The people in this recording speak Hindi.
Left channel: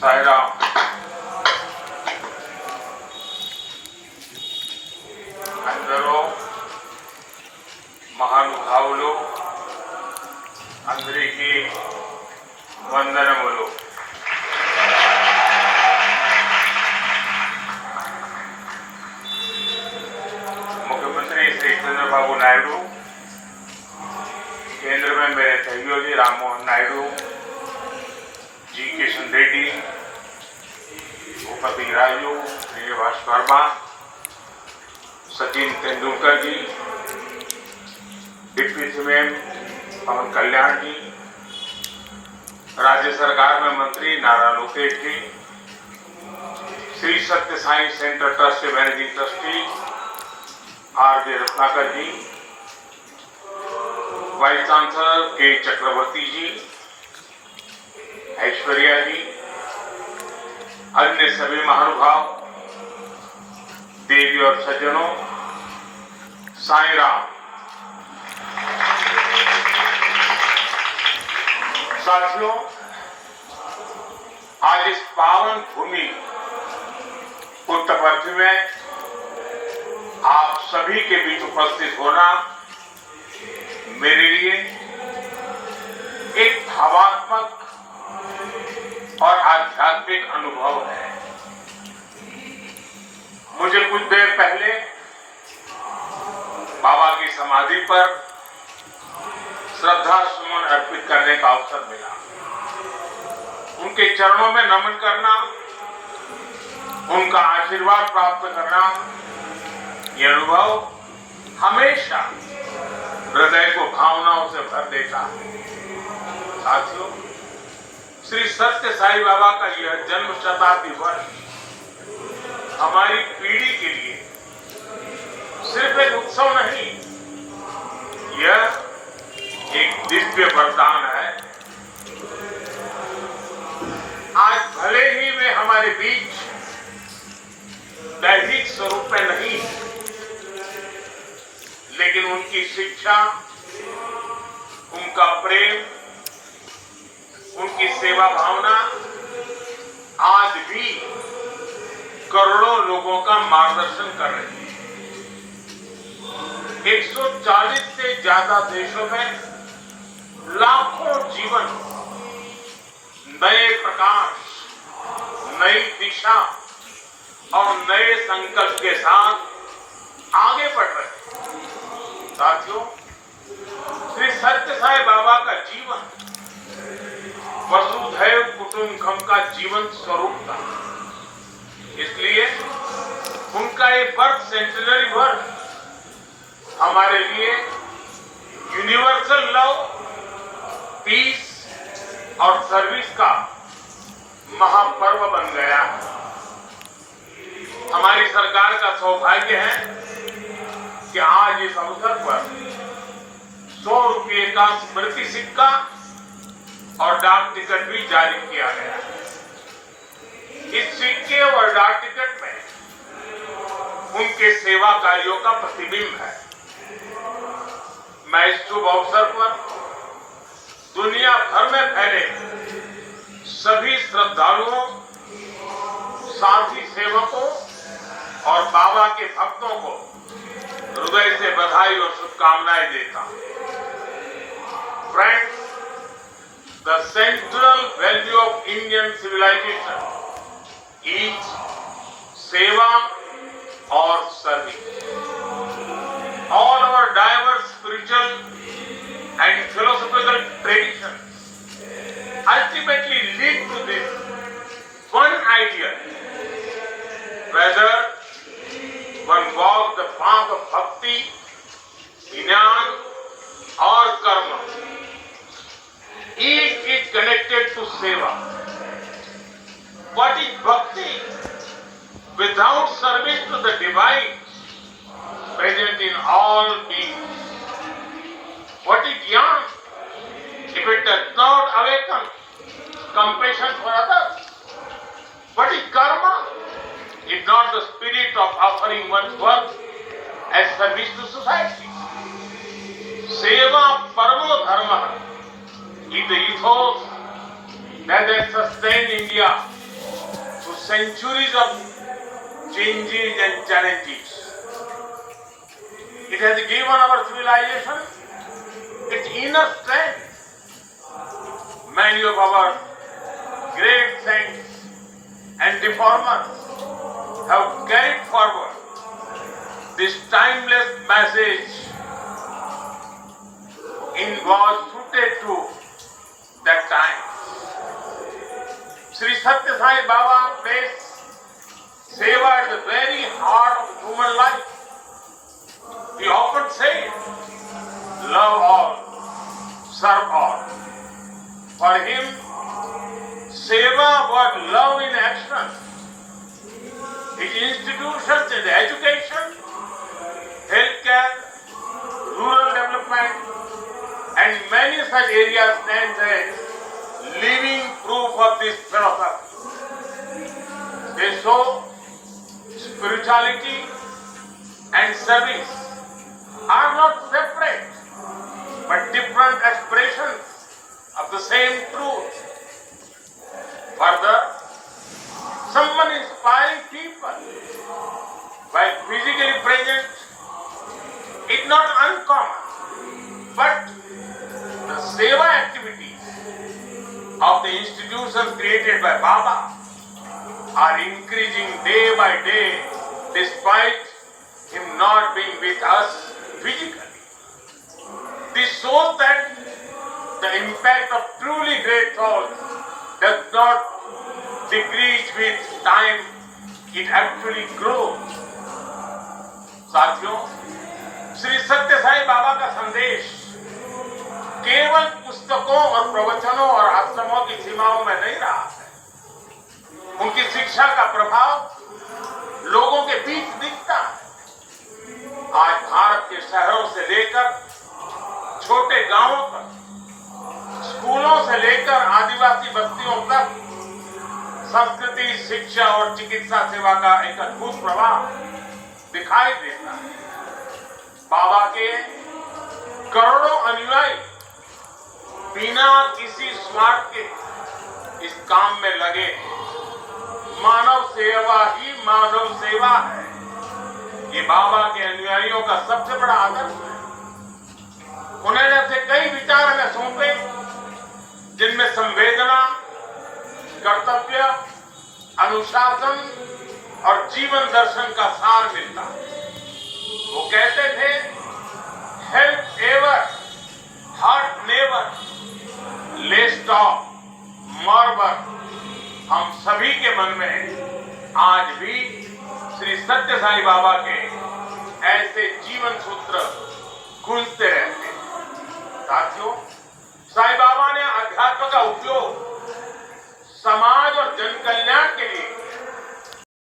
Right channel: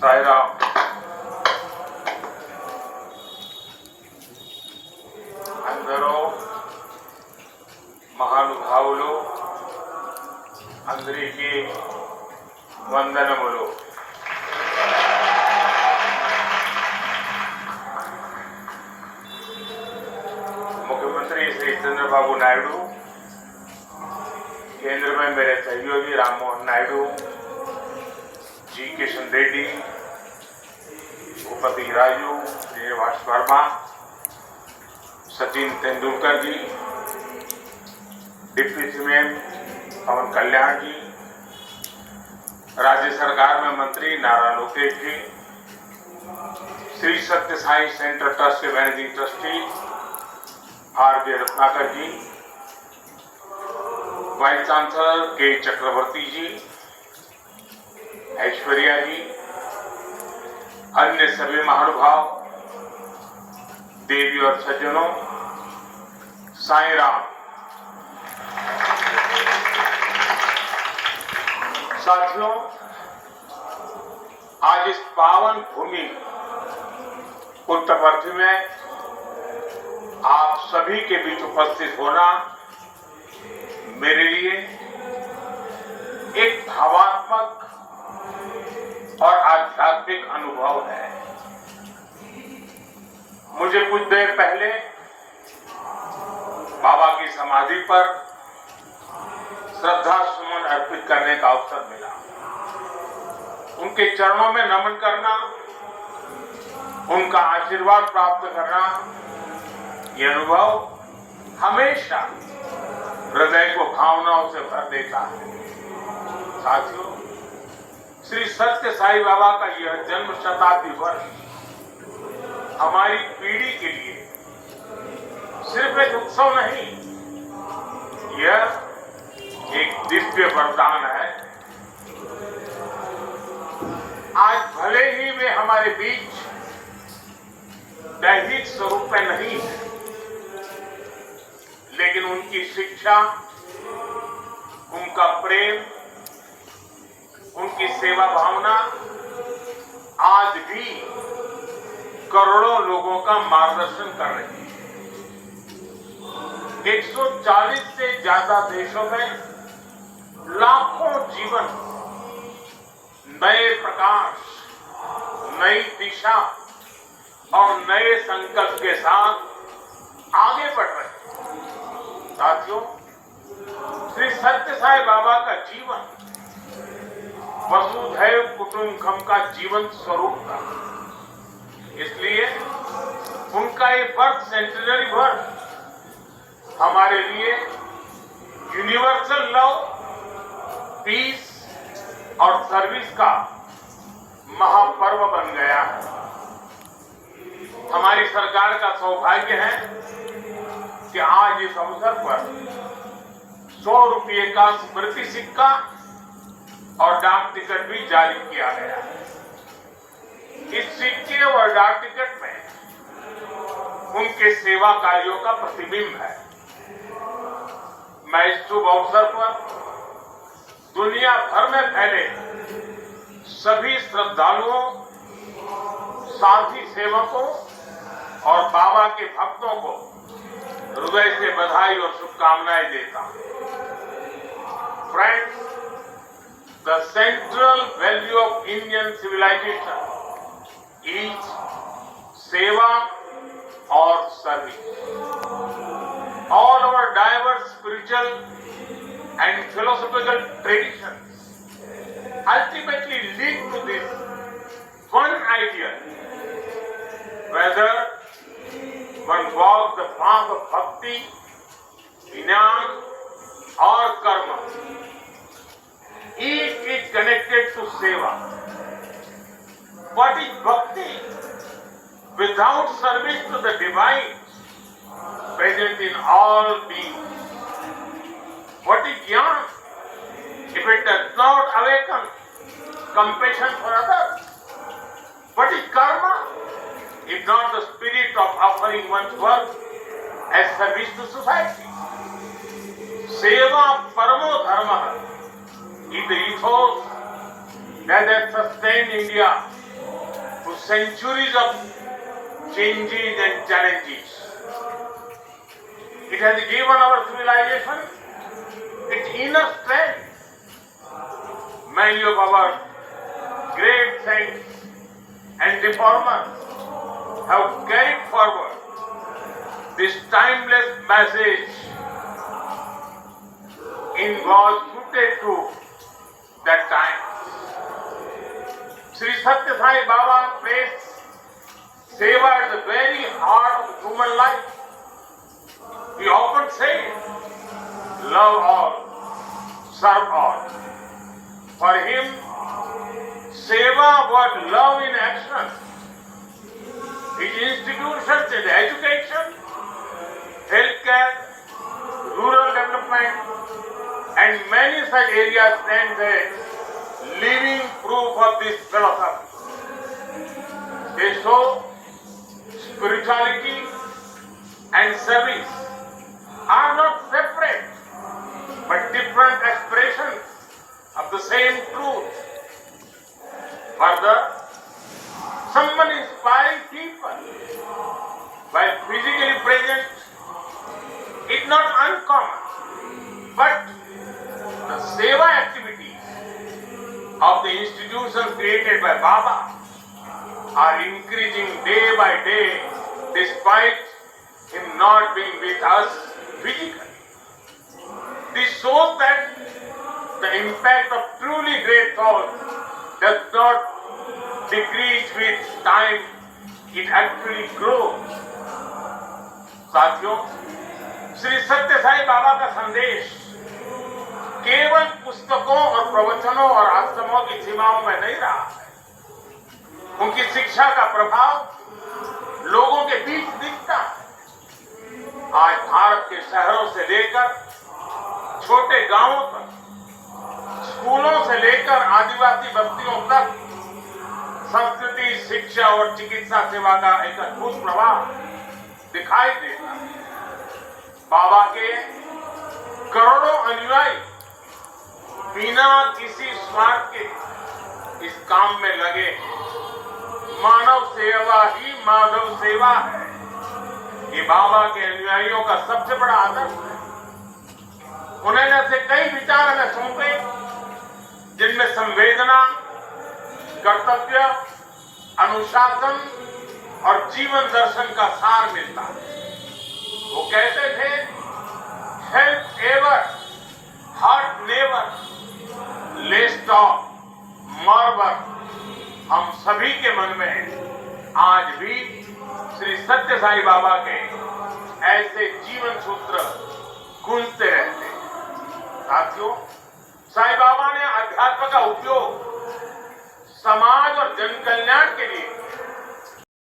సాయిరామ్ అందరూ మహానుభావులు అందరికీ వందనములు. मुख्यमंत्री श्री चंद्रबाबू नायडू, केंद्र में मेरे सहयोगी राम मोहन नायडू जी, किशन रेड्डी, भूपति राजू, श्रीनिवास वर्मा, सचिन तेंदुलकर जी, डिप्टी सीएम पवन कल्याण जी, राज्य सरकार में मंत्री नारा लोकेश जी, श्री सत्य साई सेंटर ट्रस्ट के मैनेजिंग ट्रस्टी आर.जे. रत्नाकर जी, वाइस चांसलर के चक्रवर्ती जी, ऐश्वर्या जी, अन्य सभी महानुभाव, देवी और सज्जनों, साईराम। साथियों, आज इस पावन भूमि पुट्टपर्थी में आप सभी के बीच उपस्थित होना मेरे लिए एक भावात्मक और आध्यात्मिक अनुभव है। मुझे कुछ देर पहले बाबा की समाधि पर श्रद्धा सुमन अर्पित करने का अवसर मिला। उनके चरणों में नमन करना, उनका आशीर्वाद प्राप्त करना, ये अनुभव हमेशा हृदय को भावनाओं से भर देता है। साथियों, श्री सत्य साई बाबा का यह जन्म शताब्दी वर्ष हमारी पीढ़ी के लिए सिर्फ एक उत्सव नहीं, यह एक दिव्य वरदान है। आज भले ही वे हमारे बीच दैहिक स्वरूप में नहीं, लेकिन उनकी शिक्षा, उनका प्रेम, उनकी सेवा भावना आज भी करोड़ों लोगों का मार्गदर्शन कर रही है। 140 से ज्यादा देशों में लाखों जीवन नए प्रकाश, नई दिशा और नए संकल्प के साथ आगे बढ़ रहे हैं। साथियों, श्री सत्य साई बाबा का जीवन वसुधैव कुटुंबकम का जीवन स्वरूप था। इसलिए उनका ये बर्थ सेंटिनरी वर्ष हमारे लिए यूनिवर्सल लव, पीस और सर्विस का महापर्व बन गया है। हमारी सरकार का सौभाग्य है कि आज इस अवसर पर 100 रुपये का स्मृति सिक्का और डाक टिकट भी जारी किया गया है। इस सिक्के और डाक टिकट में उनके सेवा कार्यों का प्रतिबिंब है। मैं इस शुभ अवसर पर दुनिया भर में फैले सभी श्रद्धालुओं, साथी सेवकों और बाबा के भक्तों को हृदय से बधाई और शुभकामनाएं देता हूं। Friends, the central value of Indian civilisation is seva और service. All our diverse spiritual and philosophical traditions ultimately lead to this one idea: whether one walks the path of bhakti, jnana or karma, each is connected to seva. What is bhakti? Without service to the divine present in all beings. What is jnana? If it does not awaken compassion for others. What is karma? If not the spirit of offering one's work as service to society. Seva paramo dharma is the ethos that has sustained India centuries of changes and challenges. It has given our civilization its inner strength. Many of our great saints and reformers have carried forward this timeless message was suited to that time. Sri Satya Sai Baba placed seva at the very heart of human life. He often said, love all, serve all. For him, seva was love in action. His institutions in education, healthcare, rural development, and many such areas stand as living proof of this philosophy. They show spirituality and service are not separate, but different expressions of the same truth. Further, someone inspiring people while physically present is not uncommon, but the seva activities of the institutions created by Baba are increasing day by day despite him not being with us physically. This shows that the impact of truly great thought does not decrease with time, it actually grows. साथियों, श्री सत्य साई बाबा का संदेश केवल पुस्तकों और प्रवचनों और आश्रमों की सीमाओं में नहीं रहा है। उनकी शिक्षा का प्रभाव लोगों के बीच दिखता है। आज भारत के शहरों से लेकर छोटे गांवों तक, स्कूलों से लेकर आदिवासी बस्तियों तक संस्कृति, शिक्षा और चिकित्सा सेवा का एक अद्भुत प्रभाव दिखाई देता है। बाबा के करोड़ों अनुयायी बिना किसी स्वार्थ के इस काम में लगे। मानव सेवा ही माधव सेवा है। ये बाबा के अनुयायियों का सबसे बड़ा आदर्श है। उन्होंने ऐसे कई विचार हमें सौंपे जिनमें संवेदना, कर्तव्य, अनुशासन और जीवन दर्शन का सार मिलता है। वो कहते थे, help ever, hurt never, less talk, more work. हम सभी के मन में आज भी श्री सत्य साई बाबा के ऐसे जीवन सूत्र गूंजते रहते हैं। साथियों, साई बाबा ने अध्यात्म का उपयोग समाज और जन कल्याण के लिए